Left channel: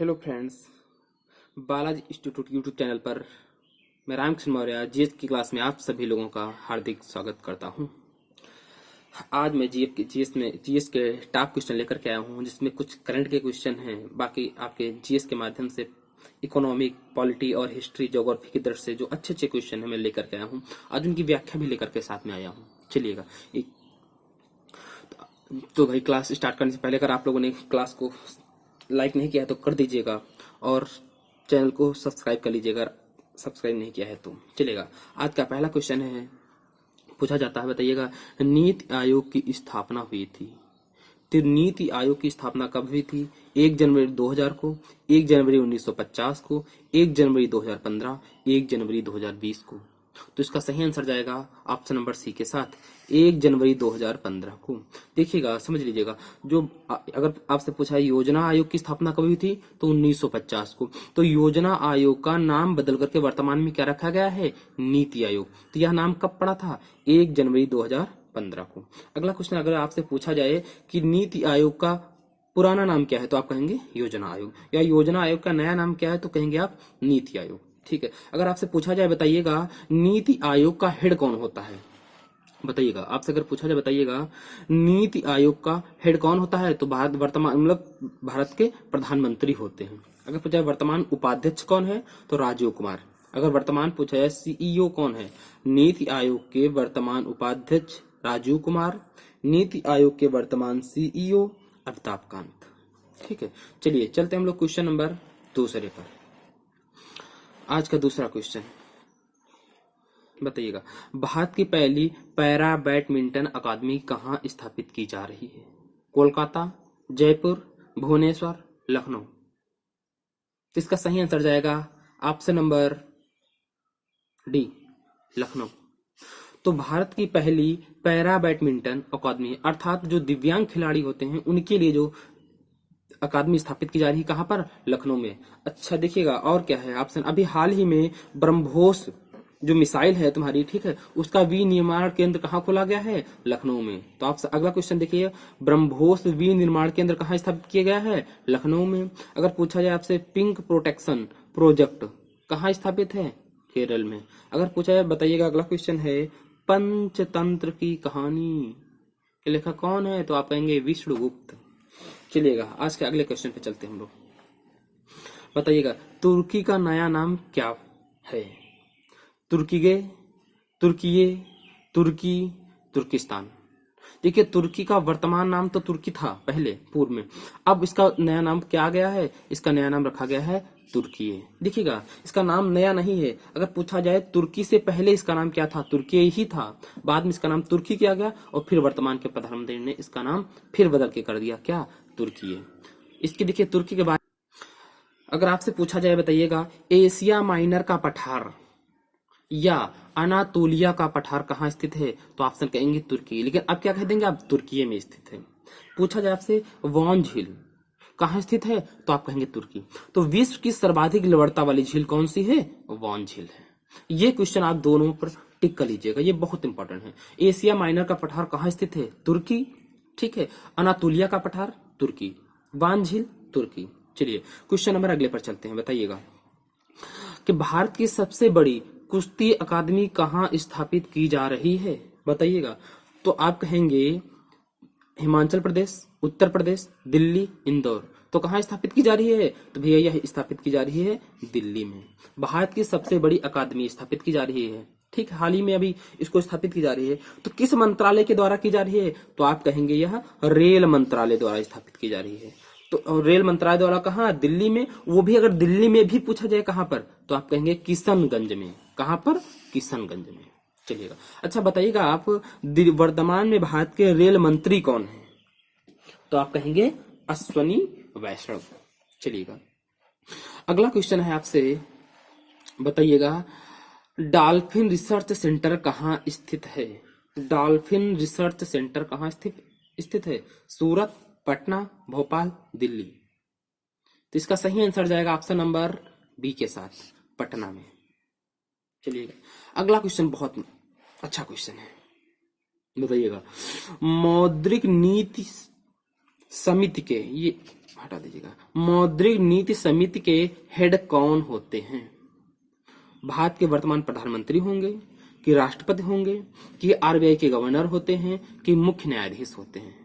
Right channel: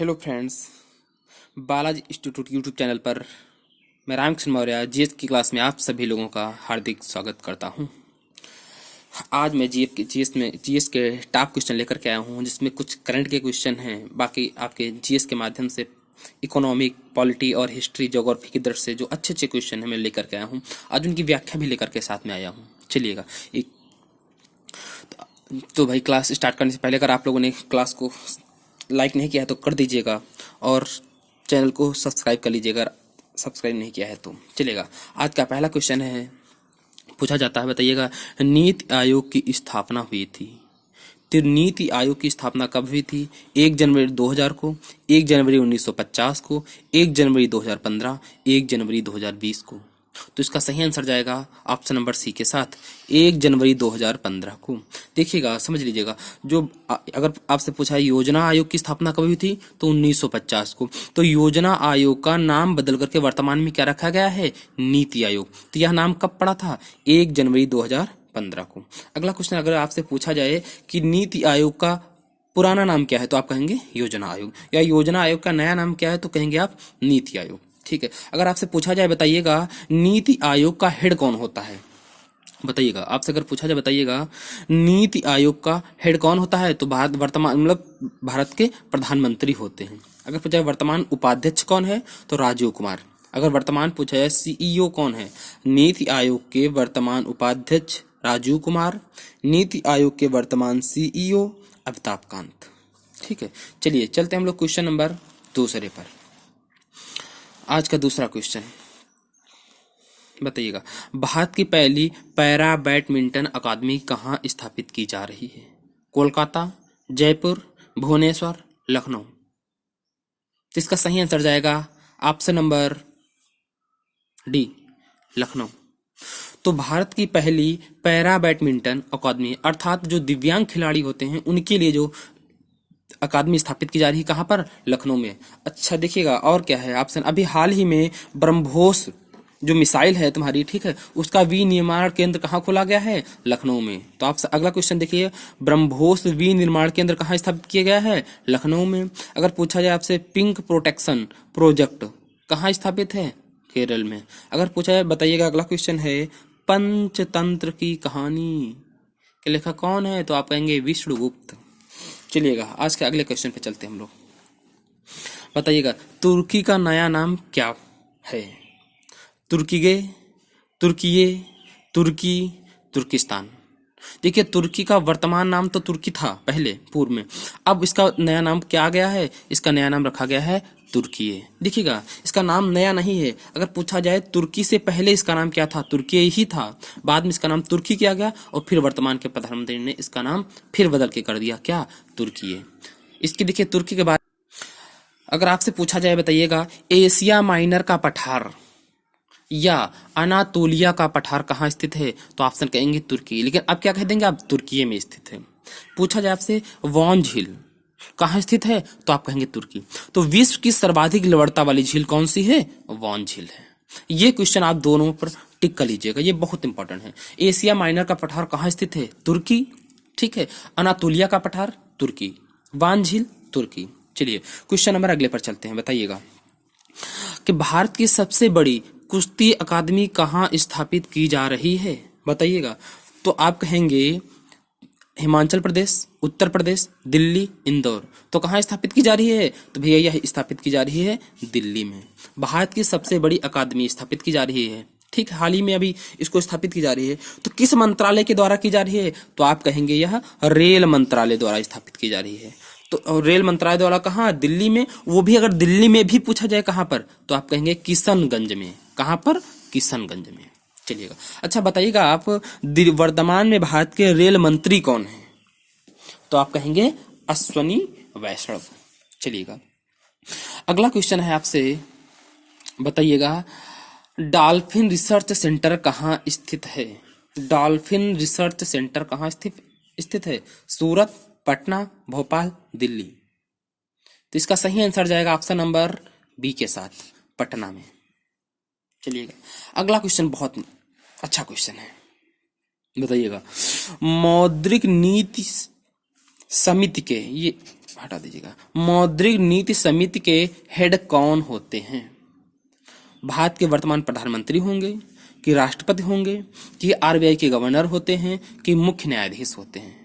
Hello friends, Balaji institute YouTube channel पर मैं Ramakrishna Maurya GS की क्लास में आप सभी लोगों का हार्दिक स्वागत करता हूं। आज मैं जीएस के टॉप क्वेश्चन लेकर के आया हूं, जिसमें कुछ करंट के क्वेश्चन हैं, बाकी आपके जीएस के माध्यम से इकोनॉमिक, पॉलिटी और हिस्ट्री, ज्योग्राफी की दृष्टि से जो अच्छे अच्छे क्वेश्चन हैं मैं लेकर के आया हूँ। आज उनकी व्याख्या भी लेकर के साथ में आया हूँ। चलिएगा, एक तो भाई क्लास स्टार्ट करने से पहले अगर आप लोगों ने क्लास को लाइक नहीं किया है तो कर दीजिएगा और चैनल को सब्सक्राइब कर लीजिएगा अगर सब्सक्राइब नहीं किया है तो। चलेगा, आज का पहला क्वेश्चन है, पूछा जाता है, बताइएगा, नीति आयोग की स्थापना हुई थी। तो नीति आयोग की स्थापना कब हुई थी? 1 जनवरी 2000 को, 1 जनवरी 1950 को, 1 जनवरी 2015, 1 जनवरी 2020 को। तो इसका सही आंसर जाएगा ऑप्शन नंबर सी के साथ, 1 जनवरी 2015 को। देखिएगा, समझ लीजिएगा, जो अगर आपसे पूछा है योजना आयोग की स्थापना कब हुई थी, तो 1950 को। तो योजना आयोग का नाम बदल करके वर्तमान में क्या रखा गया है? नीति आयोग। तो यह नाम कब पड़ा था? 1 जनवरी 2015 को। अगला क्वेश्चन अगर आपसे पूछा जाए कि नीति आयोग का पुराना नाम क्या है, तो आप कहेंगे योजना आयोग, या योजना आयोग का नया नाम क्या है, तो कहेंगे आप नीति आयोग। ठीक है, अगर आपसे पूछा जाए, बताइएगा, नीति आयोग का हेड कौन होता है? बताइएगा, आपसे अगर पूछा जाए, बताइएगा, नीति आयोग का हेड कौन होता है, तो भारत वर्तमान मतलब भारत के प्रधानमंत्री होते हैं। अगर पूछा जाए वर्तमान उपाध्यक्ष कौन है, तो राजीव कुमार। अगर वर्तमान पूछा जाए सीईओ कौन है, नीति आयोग के वर्तमान उपाध्यक्ष राजीव कुमार, नीति आयोग के वर्तमान सीईओ अमिताभ कांत। ठीक है, चलिए चलते हैं हम लोग क्वेश्चन नंबर दूसरे पर। आज का दूसरा क्वेश्चन, बताइएगा, भारत की पहली पैरा बैडमिंटन अकादमी कहाँ स्थापित की जा रही है? कोलकाता, जयपुर, भुवनेश्वर, लखनऊ। तो इसका सही आंसर जाएगा ऑप्शन नंबर डी, लखनऊ। तो भारत की पहली पैरा बैडमिंटन अकादमी, अर्थात जो दिव्यांग खिलाड़ी होते हैं उनके लिए जो अकादमी स्थापित की जा रही है, कहाँ पर? लखनऊ में। अच्छा देखिएगा, और क्या है ऑप्शन, अभी हाल ही में ब्रह्मोस जो मिसाइल है तुम्हारी, ठीक है, उसका विनिर्माण केंद्र कहाँ खोला गया है? लखनऊ में। तो आप अगला क्वेश्चन देखिए, ब्रह्मोस विनिर्माण केंद्र कहाँ स्थापित किया गया है? लखनऊ में। अगर पूछा जाए आपसे, पिंक प्रोटेक्शन प्रोजेक्ट कहाँ स्थापित है? केरल में। अगर पूछा जाए, बताइएगा, अगला क्वेश्चन है, पंचतंत्र की कहानी के लेखक कौन है? तो आप कहेंगे विष्णुगुप्त। चलिएगा, आज के अगले क्वेश्चन पे चलते हैं हम लोग। बताइएगा, तुर्की का नया नाम क्या है? तुर्कीगे, तुर्कीये, तुर्की, तुर्किस्तान। देखिए, तुर्की का वर्तमान नाम तो तुर्की था पहले पूर्व में, अब इसका नया नाम क्या आ गया है? इसका नया नाम रखा गया है तुर्कीये। देखिएगा, इसका नाम नया नहीं है। अगर पूछा जाए तुर्की से पहले इसका नाम क्या था? तुर्की ही था, बाद में इसका नाम तुर्की किया गया और फिर वर्तमान के प्रधानमंत्री ने इसका नाम फिर बदल के कर दिया, क्या? तुर्कीये। इसकी देखिए, तुर्की के बारे अगर आपसे पूछा जाए, बताइएगा, एशिया माइनर का पठार या अनातोलिया का पठार कहाँ स्थित है? तो ऑप्शन कहेंगे तुर्की, लेकिन अब क्या कह देंगे आप? तुर्की में स्थित है। पूछा जाए आपसे, वॉन झील कहाँ स्थित है? तो आप कहेंगे तुर्की। तो विश्व की सर्वाधिक लवणता वाली झील कौन सी है? वॉन झील है। ये क्वेश्चन आप दोनों पर टिक कर लीजिएगा, ये बहुत इंपॉर्टेंट है। एशिया माइनर का पठार कहाँ स्थित है? तुर्की। ठीक है, अनातोलिया का पठार तुर्की, वान झील तुर्की। चलिए क्वेश्चन नंबर अगले पर चलते हैं। बताइएगा कि भारत की सबसे बड़ी कुश्ती अकादमी कहाँ स्थापित की जा रही है? बताइएगा, तो आप कहेंगे हिमाचल प्रदेश, उत्तर प्रदेश, दिल्ली, इंदौर। तो कहाँ स्थापित की जा रही है? तो भैया यह स्थापित की जा रही है दिल्ली में। भारत की सबसे बड़ी अकादमी स्थापित की जा रही है, ठीक, हाल ही में अभी इसको स्थापित की जा रही है। तो किस मंत्रालय के द्वारा की जा रही है? तो आप कहेंगे यह रेल मंत्रालय द्वारा स्थापित की जा रही है। तो रेल मंत्रालय द्वारा कहाँ? दिल्ली में। वो भी अगर दिल्ली में भी पूछा जाए कहाँ पर, तो आप कहेंगे किशनगंज में। कहाँ पर? किशनगंज में। चलिएगा, अच्छा बताइएगा आप, वर्तमान में भारत के रेल मंत्री कौन है? तो आप कहेंगे अश्वनी वैष्णव। चलिएगा, अगला क्वेश्चन है आपसे, बताइएगा, डॉल्फिन रिसर्च सेंटर कहाँ स्थित है? डॉल्फिन रिसर्च सेंटर कहाँ स्थित है? सूरत, पटना, भोपाल, दिल्ली। तो इसका सही आंसर जाएगा ऑप्शन नंबर बी के साथ, पटना में। चलिएगा, अगला क्वेश्चन बहुत अच्छा क्वेश्चन है। बताइएगा, मौद्रिक नीति समिति के, ये हटा दीजिएगा। मौद्रिक नीति समिति के हेड कौन होते हैं? भारत के वर्तमान प्रधानमंत्री होंगे, कि राष्ट्रपति होंगे, कि आरबीआई के गवर्नर होते हैं, कि मुख्य न्यायाधीश होते हैं?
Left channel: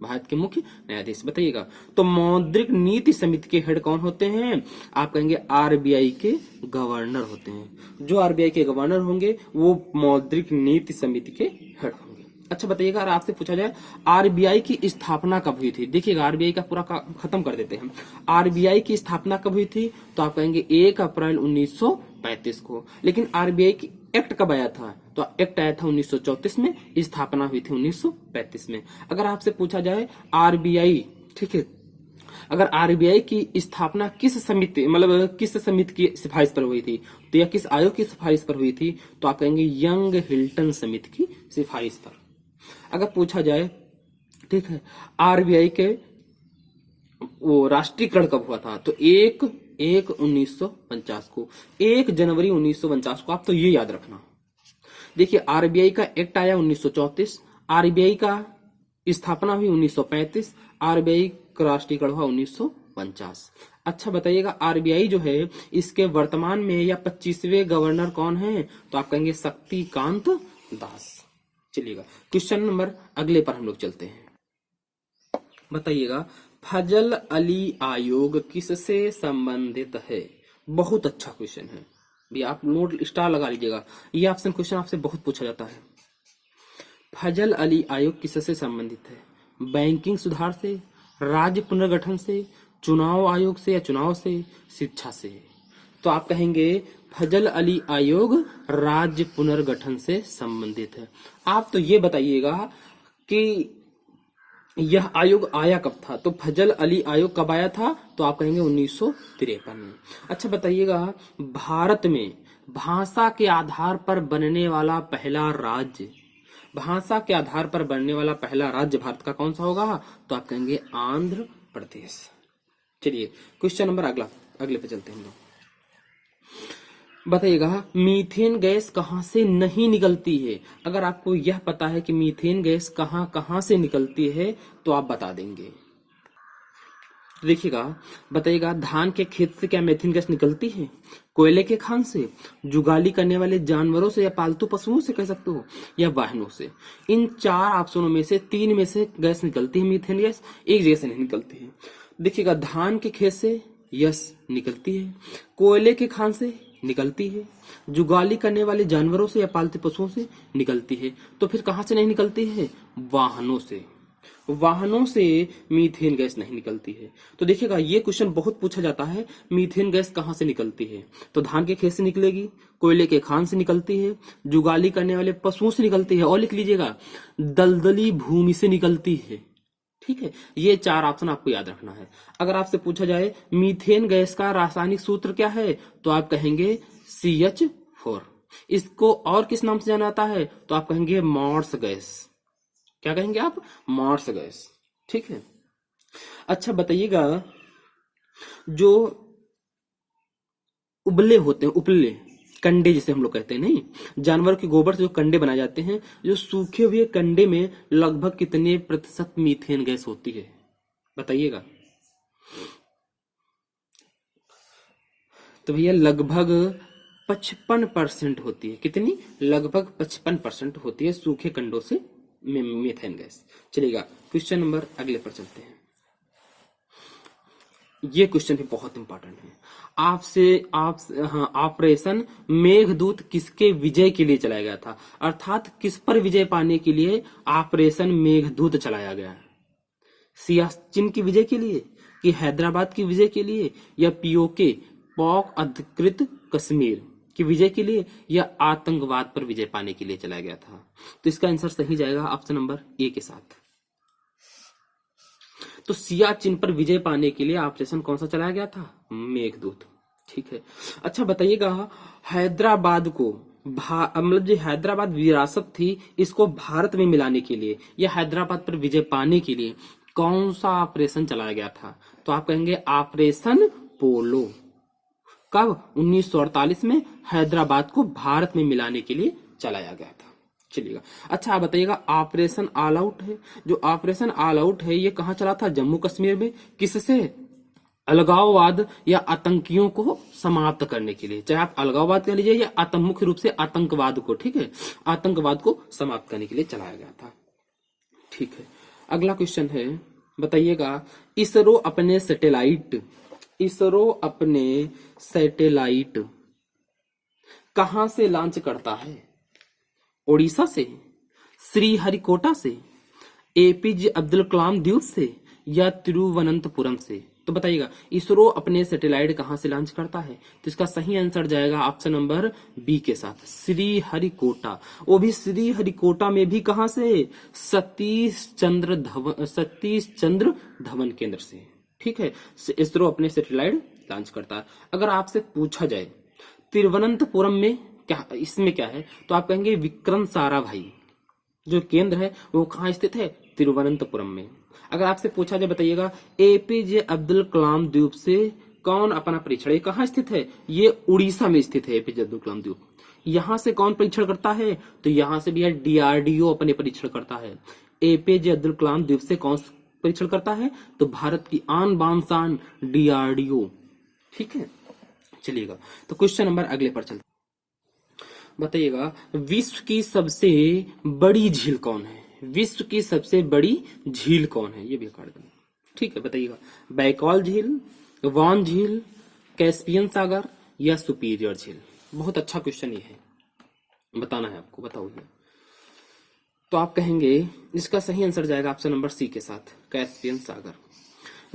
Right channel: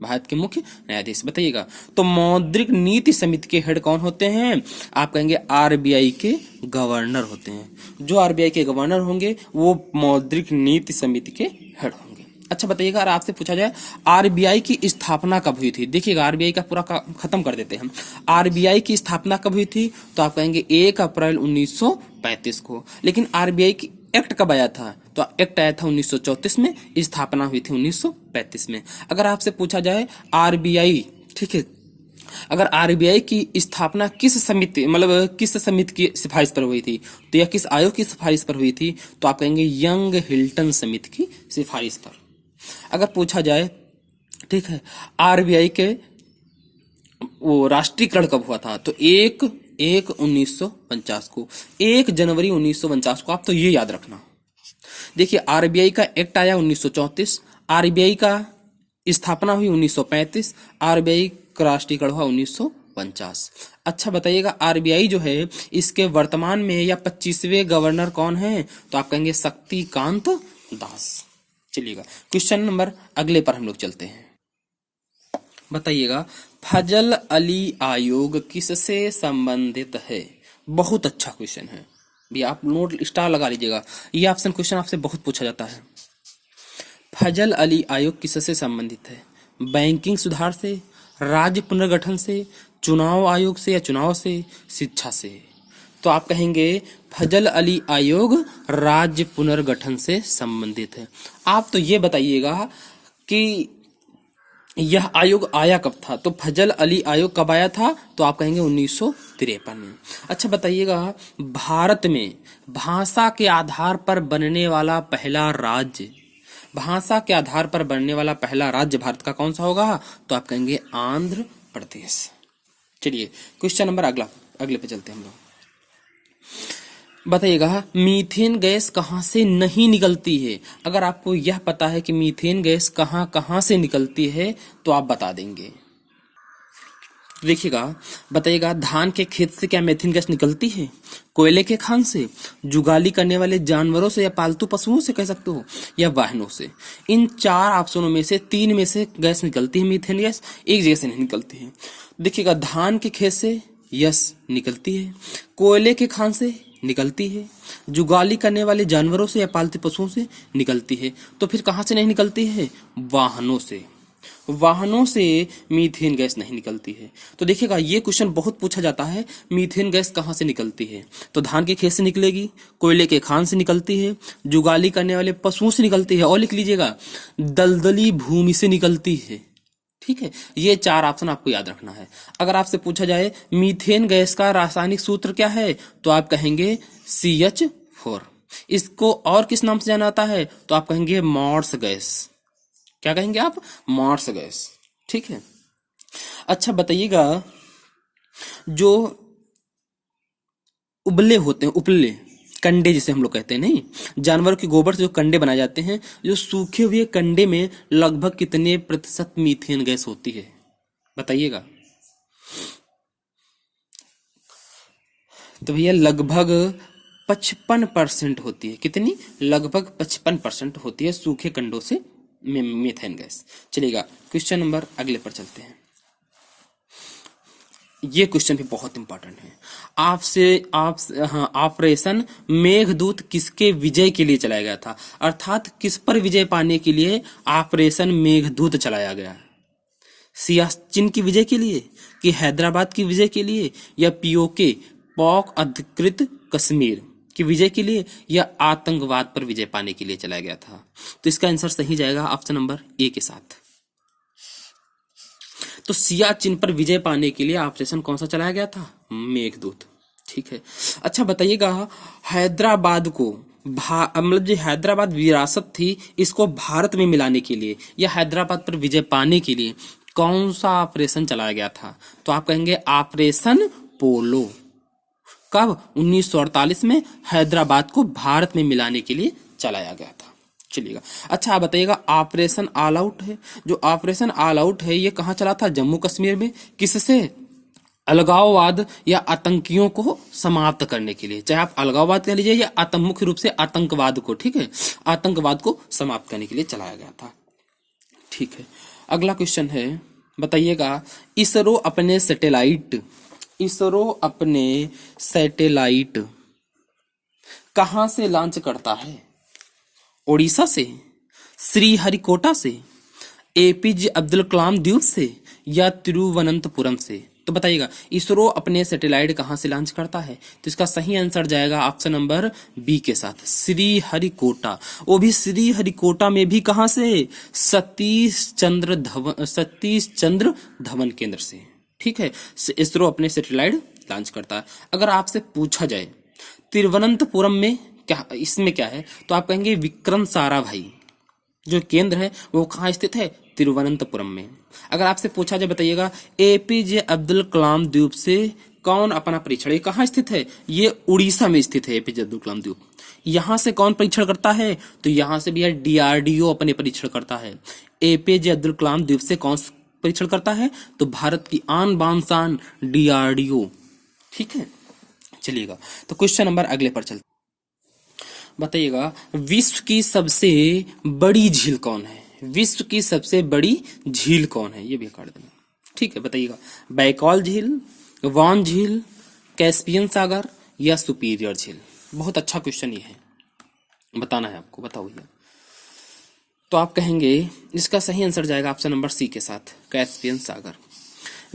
भारत के मुख्य न्यायाधीश, बताइएगा। तो मौद्रिक नीति समिति के हेड कौन होते हैं? आप कहेंगे आरबीआई के गवर्नर होते हैं। जो आरबीआई के गवर्नर होंगे वो मौद्रिक नीति समिति के हेड होंगे। अच्छा बताइएगा, अगर आपसे पूछा जाए आरबीआई की स्थापना कब हुई थी? देखिएगा, आरबीआई का पूरा खत्म कर देते हैं। आरबीआई की स्थापना कब हुई थी? तो आप कहेंगे 1 अप्रैल 1935 को। लेकिन आरबीआई की एक्ट कब आया था? तो एक्ट आया था 1934 में, स्थापना हुई थी 1935 में। अगर आपसे पूछा जाए आरबीआई, ठीक है, अगर आरबीआई की स्थापना किस समिति, मतलब किस समिति की सिफारिश पर हुई थी, तो या किस आयोग की सिफारिश पर हुई थी? तो आप कहेंगे यंग हिल्टन समिति की सिफारिश पर। अगर पूछा जाए, ठीक है, आरबीआई के वो राष्ट्रीयकरण कब हुआ था? तो 1/1/1949 को, 1 जनवरी 1949 को। आप तो ये याद रखना। देखिए, आरबीआई का एक्ट आया 1934, आरबीआई का स्थापना हुई 1935, आरबीआई का राष्ट्रीयकरण हुआ 1949। अच्छा बताइएगा, आरबीआई जो है इसके वर्तमान में या 25वें गवर्नर कौन है? तो आप कहेंगे शक्तिकांत दास। चलिएगा, क्वेश्चन नंबर अगले पर हम लोग चलते हैं। बताइएगा, फजल अली आयोग किससे संबंधित है? बहुत अच्छा क्वेश्चन है भी, आप नोट स्टार लगा लीजिएगा। ये ऑप्शन क्वेश्चन आपसे बहुत पूछा जाता है। फजल अली आयोग किससे संबंधित है? बैंकिंग सुधार से, राज्य पुनर्गठन से, चुनाव आयोग से या चुनाव से, शिक्षा से? तो आप कहेंगे फजल अली आयोग राज्य पुनर्गठन से संबंधित है। आप तो ये बताइएगा कि यह आयोग आया कब था? तो फजल अली आयोग कब आया था? तो आप कहेंगे 1953 में। अच्छा बताइएगा, भारत में भाषा के आधार पर बनने वाला पहला राज्य, भाषा के आधार पर बनने वाला पहला राज्य भारत का कौन सा होगा? तो आप कहेंगे आंध्र प्रदेश। चलिए, क्वेश्चन नंबर अगले पे चलते हैं हम लोग। बताइएगा, मीथेन गैस कहाँ से नहीं निकलती है? अगर आपको यह पता है कि मीथेन गैस कहाँ कहाँ से निकलती है तो आप बता देंगे। देखिएगा, बताइएगा, धान के खेत से क्या मीथेन गैस निकलती है? कोयले के खान से, जुगाली करने वाले जानवरों से या पालतू पशुओं से कह सकते हो, या वाहनों से? इन 4 ऑप्शनों में से 3 में से गैस निकलती है मीथेन गैस, एक जगह से नहीं निकलती है। देखिएगा, धान के खेत से यस निकलती है, कोयले के खान से निकलती है, जुगाली करने वाले जानवरों से या पालतू पशुओं से निकलती है। तो फिर कहाँ से नहीं निकलती है? वाहनों से। वाहनों से मीथेन गैस नहीं निकलती है। तो देखिएगा, ये क्वेश्चन बहुत पूछा जाता है, मीथेन गैस कहाँ से निकलती है? तो धान के खेत से निकलेगी, कोयले के खान से निकलती है, जुगाली करने वाले पशुओं से निकलती है, और लिख लीजिएगा दलदली भूमि से निकलती है। ठीक है, ये 4 ऑप्शन आपको याद रखना है। अगर आपसे पूछा जाए मीथेन गैस का रासायनिक सूत्र क्या है? तो आप कहेंगे CH4। इसको और किस नाम से जाना जाता है? तो आप कहेंगे मॉर्स गैस। क्या कहेंगे आप? Moore's gas. ठीक है। अच्छा बताइएगा, जो उबले होते हैं, उपले कंडे जिसे हम लोग कहते हैं, नहीं, जानवर के गोबर से जो कंडे बनाए जाते हैं, जो सूखे हुए कंडे में लगभग कितने प्रतिशत मीथेन गैस होती है? बताइएगा। तो भैया लगभग 55% होती है। कितनी? लगभग 55% होती है सूखे कंडों से मीथेन गैस। चलिएगा, क्वेश्चन नंबर अगले पर चलते हैं। ये क्वेश्चन भी बहुत इंपॉर्टेंट है ऑपरेशन मेघदूत किसके विजय के लिए चलाया गया था? अर्थात किस पर विजय पाने के लिए ऑपरेशन मेघदूत चलाया गया? सियाचिन की विजय के लिए, कि हैदराबाद की विजय के लिए, या पीओके पाक अधिकृत कश्मीर की विजय के लिए, या आतंकवाद पर विजय पाने के लिए चलाया गया था? तो इसका आंसर सही जाएगा ऑप्शन नंबर ए के साथ। तो सियाचिन पर विजय पाने के लिए ऑपरेशन कौन सा चलाया गया था? मेघदूत। ठीक है। अच्छा बताइएगा, हैदराबाद को मतलब जो हैदराबाद विरासत थी, इसको भारत में मिलाने के लिए या हैदराबाद पर विजय पाने के लिए कौन सा ऑपरेशन चलाया गया था? तो आप कहेंगे ऑपरेशन पोलो। कब? 1948 में हैदराबाद को भारत में मिलाने के लिए चलाया गया था। चलिएगा। अच्छा आप बताइएगा, ऑपरेशन ऑल आउट है, जो ऑपरेशन ऑल आउट है ये कहाँ चला था? जम्मू कश्मीर में। किससे? अलगाववाद या आतंकियों को समाप्त करने के लिए, चाहे आप अलगाववाद कह लीजिए या मुख्य रूप से आतंकवाद को, ठीक है, आतंकवाद को समाप्त करने के लिए चलाया गया था। ठीक है, अगला क्वेश्चन है, बताइएगा इसरो अपने सैटेलाइट कहां से लॉन्च करता है? ओडिशा से, श्रीहरिकोटा से, एपीजे अब्दुल कलाम द्वीप से, या तिरुवनंतपुरम से? तो बताइएगा इसरो अपने सैटेलाइट कहां से लॉन्च करता है? तो इसका सही आंसर जाएगा ऑप्शन नंबर बी के साथ, श्रीहरिकोटा। वो भी श्रीहरिकोटा में भी कहां से? सतीश चंद्र धवन केंद्र से। ठीक है, इसरो अपने सैटेलाइट लॉन्च करता है। अगर आपसे पूछा जाए तिरुवनंतपुरम में क्या, इसमें क्या है, तो आप कहेंगे विक्रम साराभाई जो केंद्र है वो कहाँ स्थित है? तिरुवनंतपुरम में। अगर आपसे पूछा जाए, बताइएगा एपीजे अब्दुल कलाम द्वीप से कौन अपना परीक्षण, ये कहाँ स्थित है? ये उड़ीसा में स्थित है एपीजे अब्दुल कलाम द्वीप। यहाँ से कौन परीक्षण करता है? तो यहाँ से भी है डीआरडीओ अपने परीक्षण करता है। एपीजे अब्दुल कलाम द्वीप से कौन परीक्षण करता है? तो भारत की आन बान शान डीआरडीओ। ठीक है, चलिएगा तो क्वेश्चन नंबर अगले पर चलते। बताइएगा विश्व की सबसे बड़ी झील कौन है? विश्व की सबसे बड़ी झील कौन है? ये भी कर देना। ठीक है, बताइएगा बैकॉल झील, वान झील, कैस्पियन सागर, या सुपीरियर झील? बहुत अच्छा क्वेश्चन ये है, बताना है आपको, बताओ ये। तो आप कहेंगे इसका सही आंसर जाएगा ऑप्शन नंबर सी के साथ, कैस्पियन सागर।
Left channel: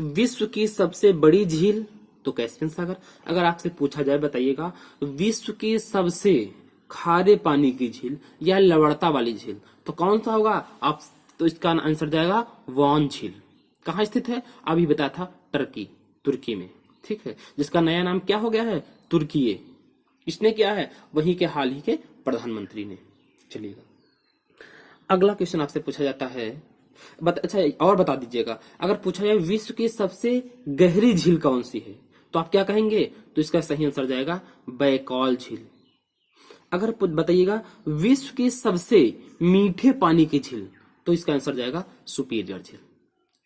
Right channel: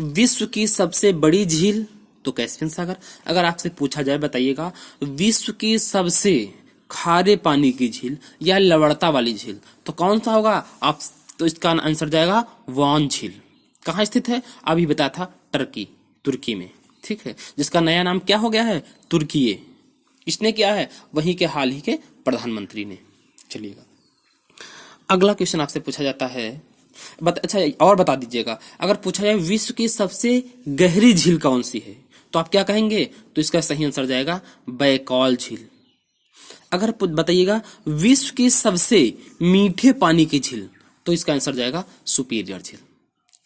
विश्व की सबसे बड़ी झील तो कैस्पियन सागर। अगर आपसे पूछा जाए, बताइएगा विश्व की सबसे खारे पानी की झील या लवणता वाली झील, तो कौन सा होगा आप? तो इसका आंसर जाएगा वान झील। कहाँ स्थित है? अभी बताया था, तुर्की में। ठीक है, जिसका नया नाम क्या हो गया है? तुर्की। किसने किया है? वहीं के हाल ही के प्रधानमंत्री ने। चलिएगा अगला क्वेश्चन आपसे पूछा जाता है, अच्छा और बता दीजिएगा, अगर पूछा जाए विश्व की सबसे गहरी झील कौन सी है, तो आप क्या कहेंगे? तो इसका सही आंसर जाएगा बैकॉल झील। अगर बताइएगा विश्व की सबसे मीठे पानी की झील, तो इसका आंसर जाएगा सुपीरियर झील।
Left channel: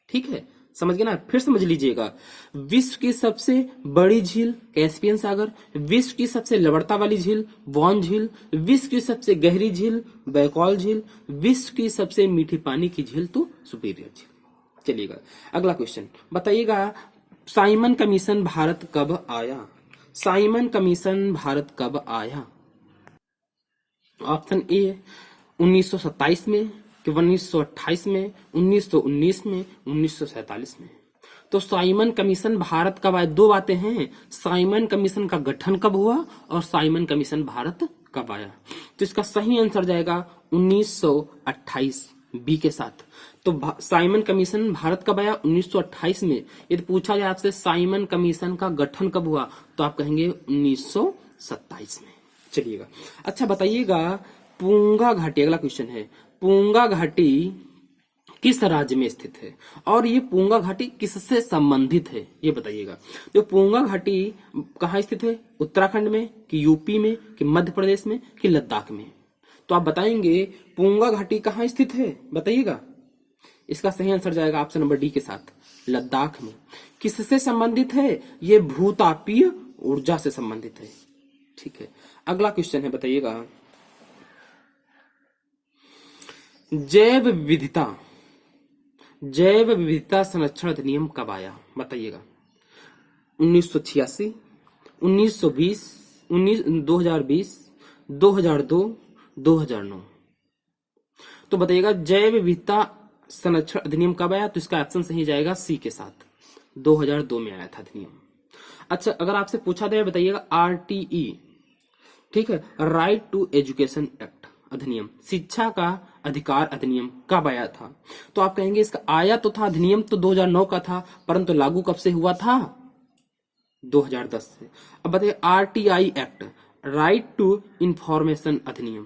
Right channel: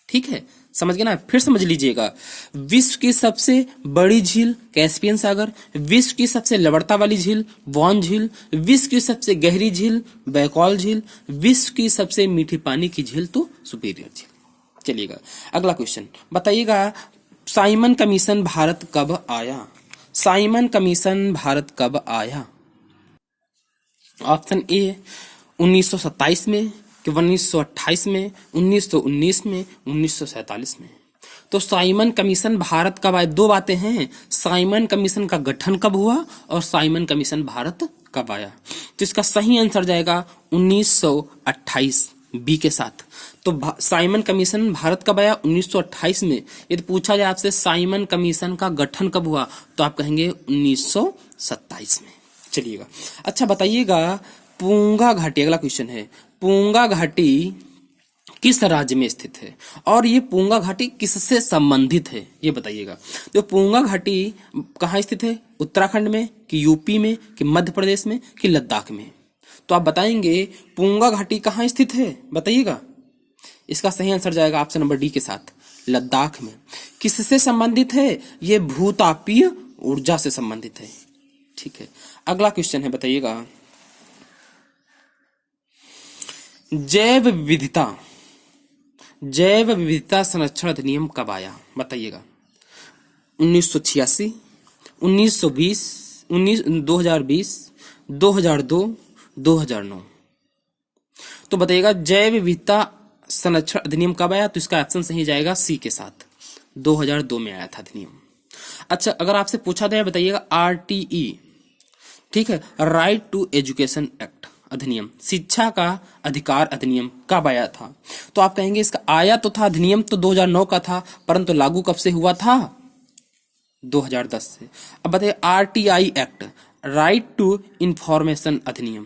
ठीक है, समझ गए ना? फिर समझ लीजिएगा, विश्व की सबसे बड़ी झील कैस्पियन सागर, विश्व की सबसे लवणता वाली झील वान झील, विश्व की सबसे गहरी झील बैकॉल झील, विश्व की सबसे मीठी पानी की झील तो सुपीरियर झील। चलिएगा अगला क्वेश्चन, बताइएगा साइमन कमीशन भारत कब आया? साइमन कमीशन भारत कब आया? ऑप्शन ए 1927 में, कि 1928 में, 1919 में, 1947 में। तो साइमन कमीशन भारत कब आया? दो बातें हैं, साइमन कमीशन का गठन कब हुआ और साइमन कमीशन भारत कब आया। तो इसका सही आंसर जाएगा 1928 बी के साथ। तो साइमन कमीशन भारत कब आया? 1928 में। यदि पूछा जाए आपसे साइमन कमीशन का गठन कब हुआ, तो आप कहेंगे 1927 में। चलिएगा अच्छा बताइएगा पूंगा घाटी, अगला क्वेश्चन है, पूंगा घाटी किस राज्य में स्थित है और ये पूंगा घाटी किससे संबंधित है, ये बताइएगा। तो पूंगा घाटी कहाँ स्थित है? उत्तराखंड में, कि यूपी में, कि मध्य प्रदेश में, कि लद्दाख में? तो आप बताएंगे पूंगा घाटी कहाँ स्थित है, बताइएगा। इसका सही आंसर जाएगा ऑप्शन नंबर डी के साथ, लद्दाख में। किससे संबंधित है? ये भूतापीय ऊर्जा से संबंधित है। ठीक है, अगला क्वेश्चन है, बताइएगा जैव विविधता संरक्षण अधिनियम कब आया, बताइएगा। 1986, 1920, 2020, 2002, 2009। तो बताइएगा जैव विविधता संरक्षण अधिनियम कब आया? तो इसका ऑप्शन सही जाएगा सी के साथ, 2002 में आया था अधिनियम। अच्छा अगर आपसे पूछा जाए, बताइएगा आरटीई, ठीक है, राइट टू एजुकेशन एक्ट अधिनियम, शिक्षा का अधिकार अधिनियम कब आया था? तो आप कहेंगे इसका आया तो था अधिनियम तो 2009 का था, परंतु लागू कब से हुआ था? 2010 से। अब बताइए RTI act, right to information अधिनियम,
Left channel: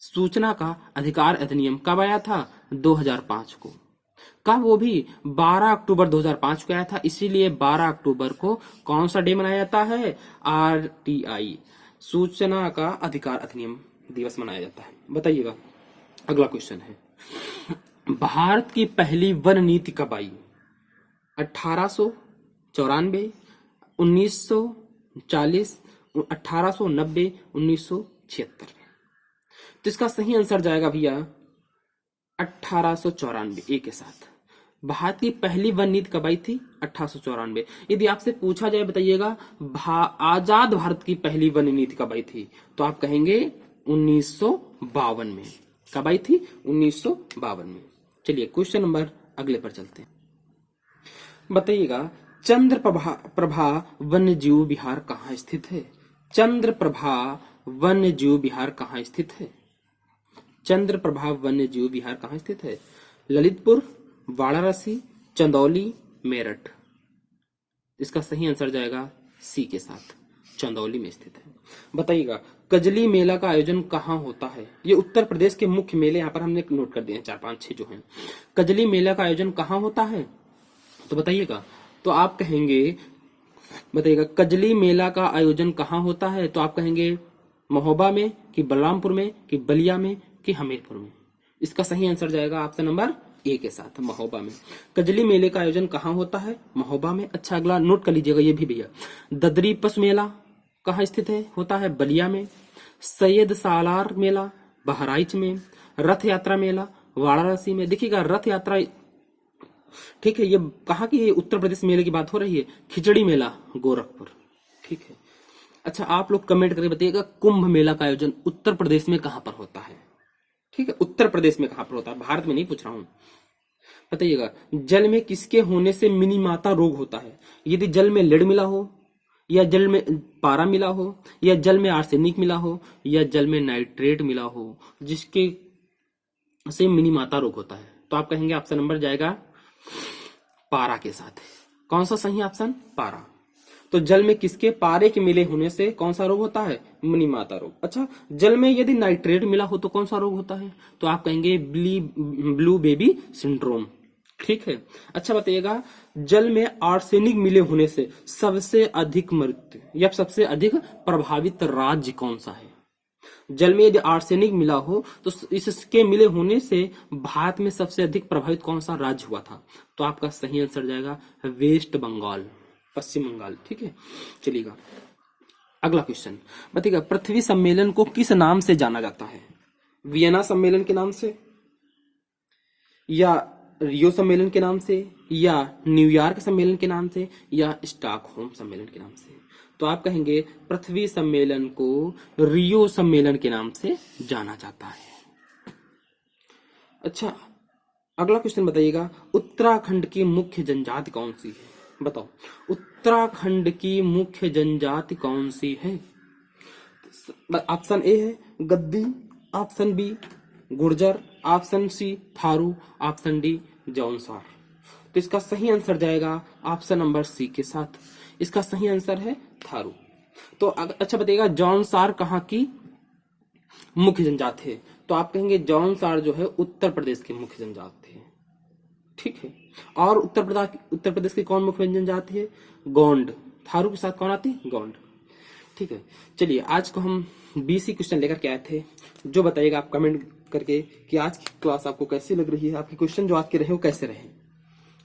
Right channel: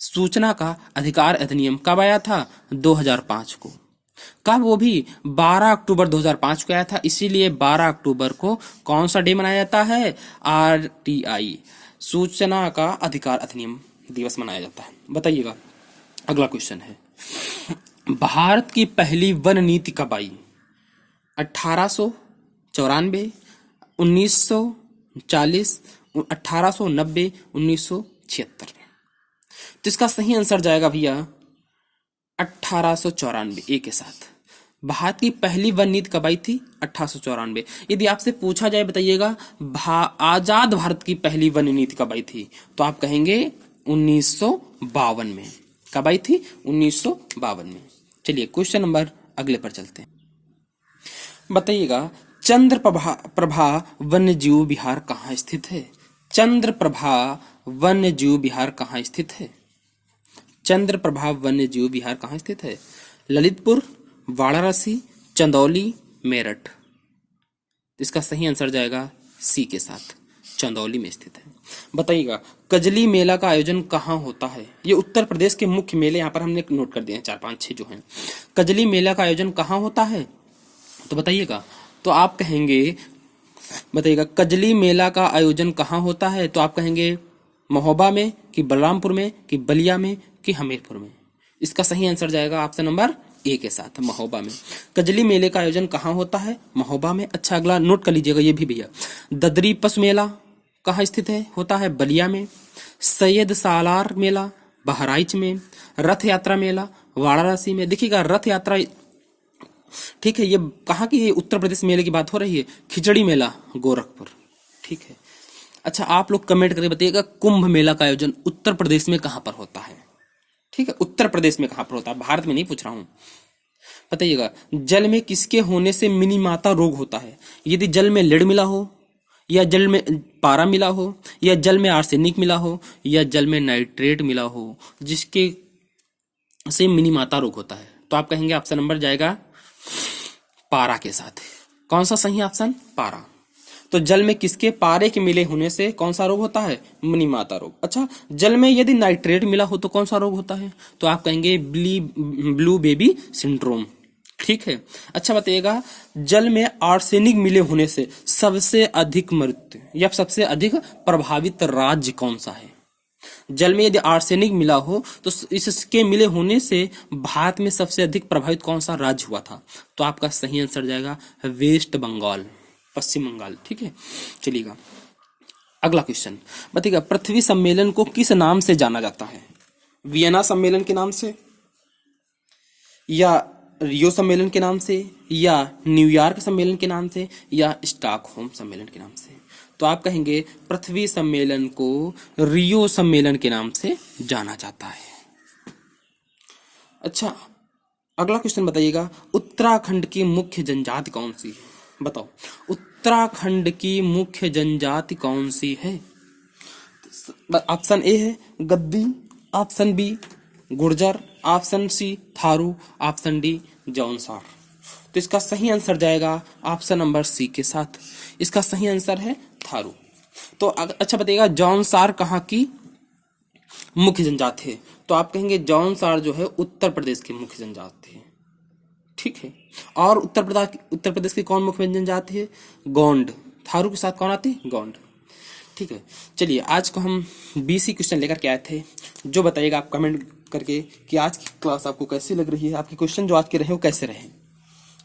सूचना का अधिकार अधिनियम कब आया था? 2005 को। कब? वो भी 12 अक्टूबर 2005 को आया था। इसीलिए 12 अक्टूबर को कौन सा डे मनाया जाता है? आरटीआई, सूचना का अधिकार अधिनियम दिवस मनाया जाता है। बताइएगा अगला क्वेश्चन है, भारत की पहली वन नीति कब आई? 1894, 1940, 1890, 1976 में। तो इसका सही आंसर जाएगा भैया 1894 ए के साथ। भारत की पहली वन नीति कब आई थी? 1894। यदि आपसे पूछा जाए बताइएगा आजाद भारत की पहली वन नीति कब आई थी, तो आप कहेंगे 1952 में। कब आई थी? 1952 में। चलिए क्वेश्चन नंबर अगले पर चलते हैं। बताइएगा चंद्र प्रभा वन्य जीव विहार कहाँ स्थित है? चंद्र प्रभा वन्य जीव विहार कहाँ स्थित है? चंद्र प्रभा वन्य जीव विहार कहाँ स्थित है? ललितपुर, वाराणसी, चंदौली, मेरठ। इसका सही आंसर जाएगा सी के साथ, चंदौली में स्थित है। बताइएगा कजली मेला का आयोजन कहाँ होता है? ये उत्तर प्रदेश के मुख्य मेले यहाँ पर हमने नोट कर दिए हैं, 4 5 6 जो हैं। कजली मेला का आयोजन कहाँ होता है? तो बताइएगा, तो आप कहेंगे, बताइएगा कजली मेला का आयोजन कहाँ होता है? तो आप कहेंगे महोबा में, कि बलरामपुर में, कि बलिया में, कि हमीरपुर में। इसका सही आंसर जाएगा ऑप्शन नंबर ए के साथ, महोबा में। कजली मेले का आयोजन कहाँ होता है? महोबा में। अच्छा अगला नोट कर लीजिएगा ये भी भैया। ददरी पशु मेला कहाँ स्थित है? होता है बलिया में। सैयद सालार मेला बहराइच में। रथ यात्रा मेला वाराणसी में। देखिएगा रथ यात्रा, ठीक है, ये कहाँ की है? उत्तर प्रदेश मेले की बात हो रही है। खिचड़ी मेला गोरखपुर, ठीक है। अच्छा आप लोग कमेंट करके बताइएगा कुंभ मेला का आयोजन उत्तर प्रदेश में कहाँ पर होता है? ठीक है, उत्तर प्रदेश में कहाँ पर होता है, भारत में नहीं पूछ रहा हूं। बताइएगा जल में किसके होने से मिनीमाता रोग होता है? यदि जल में लेड मिला हो, या जल में पारा मिला हो, या जल में आर्सेनिक मिला हो, या जल में नाइट्रेट मिला हो, जिसके से मिनीमाता रोग होता है, तो आप कहेंगे ऑप्शन नंबर जाएगा पारा के साथ। कौन सा सही ऑप्शन? पारा। तो जल में किसके? पारे के मिले होने से कौन सा रोग होता है? मिनीमाता रोग। अच्छा जल में यदि नाइट्रेट मिला हो तो कौन सा रोग होता है? तो आप कहेंगे ब्लू बेबी सिंड्रोम, ठीक है। अच्छा बताइएगा जल में आर्सेनिक मिले होने से सबसे अधिक मृत्यु या सबसे अधिक प्रभावित राज्य कौन सा है? जल में यदि आर्सेनिक मिला हो तो इसके मिले होने से भारत में सबसे अधिक प्रभावित कौन सा राज्य हुआ था? तो आपका सही आंसर जाएगा वेस्ट बंगाल, पश्चिम बंगाल, ठीक है। चलिएगा अगला क्वेश्चन। बताइएगा पृथ्वी सम्मेलन को किस नाम से जाना जाता है? वियना सम्मेलन के नाम से, या रियो सम्मेलन के नाम से, या न्यूयॉर्क सम्मेलन के नाम से, या स्टॉकहोम सम्मेलन के नाम से? तो आप कहेंगे पृथ्वी सम्मेलन को रियो सम्मेलन के नाम से जाना जाता है। अच्छा अगला क्वेश्चन बताइएगा उत्तराखंड की मुख्य जनजाति कौन सी है? बताओ उत्तराखंड की मुख्य जनजाति कौन सी है? ऑप्शन ए है Gaddi, option B Gurjar, option C Tharu, option D Jaunsar. तो इसका सही आंसर जाएगा ऑप्शन नंबर सी के साथ। इसका सही आंसर है थारू। तो अच्छा बताइएगा जौनसार कहाँ की मुख्य जनजाति है? तो आप कहेंगे जौनसार जो है उत्तर प्रदेश की मुख्य जनजाति है, ठीक है। और उत्तर प्रदेश की कौन मुख्य जनजाति है? गोंड। थारू के साथ कौन आती है? गोंड, ठीक है। चलिए आज को हम 20 क्वेश्चन लेकर के आए थे। जो बताइएगा आप कमेंट करके कि आज की क्लास आपको कैसी लग रही है, आपके क्वेश्चन जो आज के रहे हो कैसे रहे।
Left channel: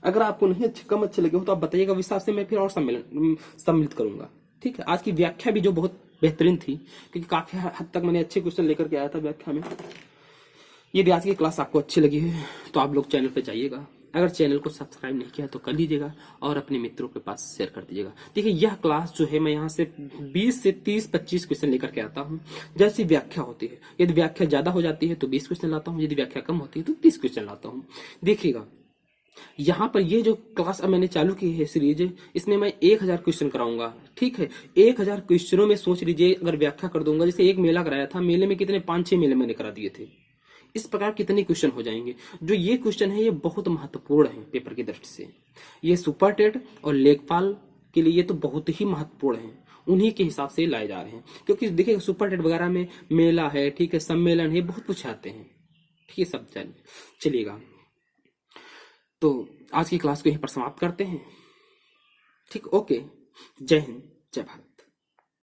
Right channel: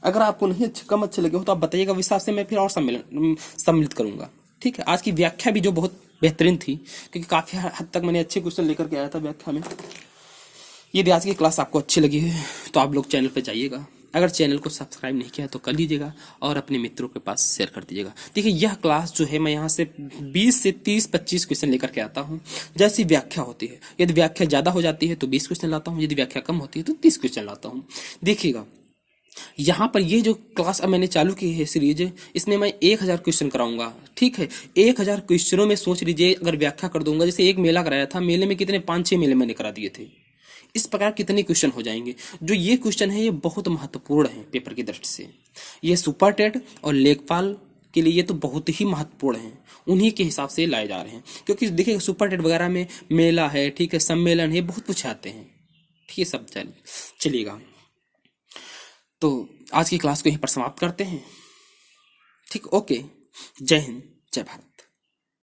अगर आपको नहीं कम अच्छे लगे हो तो आप बताइएगा, हिसाब से मैं फिर और सम्मिलित करूंगा, ठीक है। आज की व्याख्या भी जो बहुत बेहतरीन थी, क्योंकि काफी हद तक मैंने अच्छे क्वेश्चन लेकर के आया था व्याख्या में। यदि आज की क्लास आपको अच्छी लगी है तो आप लोग चैनल पर जाइएगा, अगर चैनल को सब्सक्राइब नहीं किया तो कर लीजिएगा और अपने मित्रों के पास शेयर कर दीजिएगा। देखिए यह क्लास जो है मैं यहाँ से 20 से 30-25 क्वेश्चन लेकर के आता हूँ, जैसी व्याख्या होती है। यदि व्याख्या ज़्यादा हो जाती है तो 20 क्वेश्चन लाता हूँ, यदि व्याख्या कम होती है तो 30 क्वेश्चन लाता हूँ। देखिएगा यहाँ पर ये जो क्लास अब मैंने चालू की है सीरीज, इसमें मैं 1000 क्वेश्चन कराऊंगा, ठीक है। 1000 क्वेश्चनों में सोच लीजिए अगर व्याख्या कर दूंगा, जैसे एक मेला कराया था, मेले में कितने 5-6 मेले मैंने करा दिए थे, इस प्रकार कितने क्वेश्चन हो जाएंगे। जो ये क्वेश्चन है ये बहुत महत्वपूर्ण है पेपर की दृष्टि से। ये सुपर टेट और लेखपाल के लिए ये तो बहुत ही महत्वपूर्ण है, उन्हीं के हिसाब से लाए जा रहे हैं। क्योंकि देखिए सुपर टेट वगैरह में मेला है, ठीक है, सम्मेलन है, बहुत कुछ आते हैं, ठीक है सब। चलिएगा तो आज की क्लास को यहीं पर समाप्त करते हैं, ठीक। ओके, जय हिंद, जय भारत।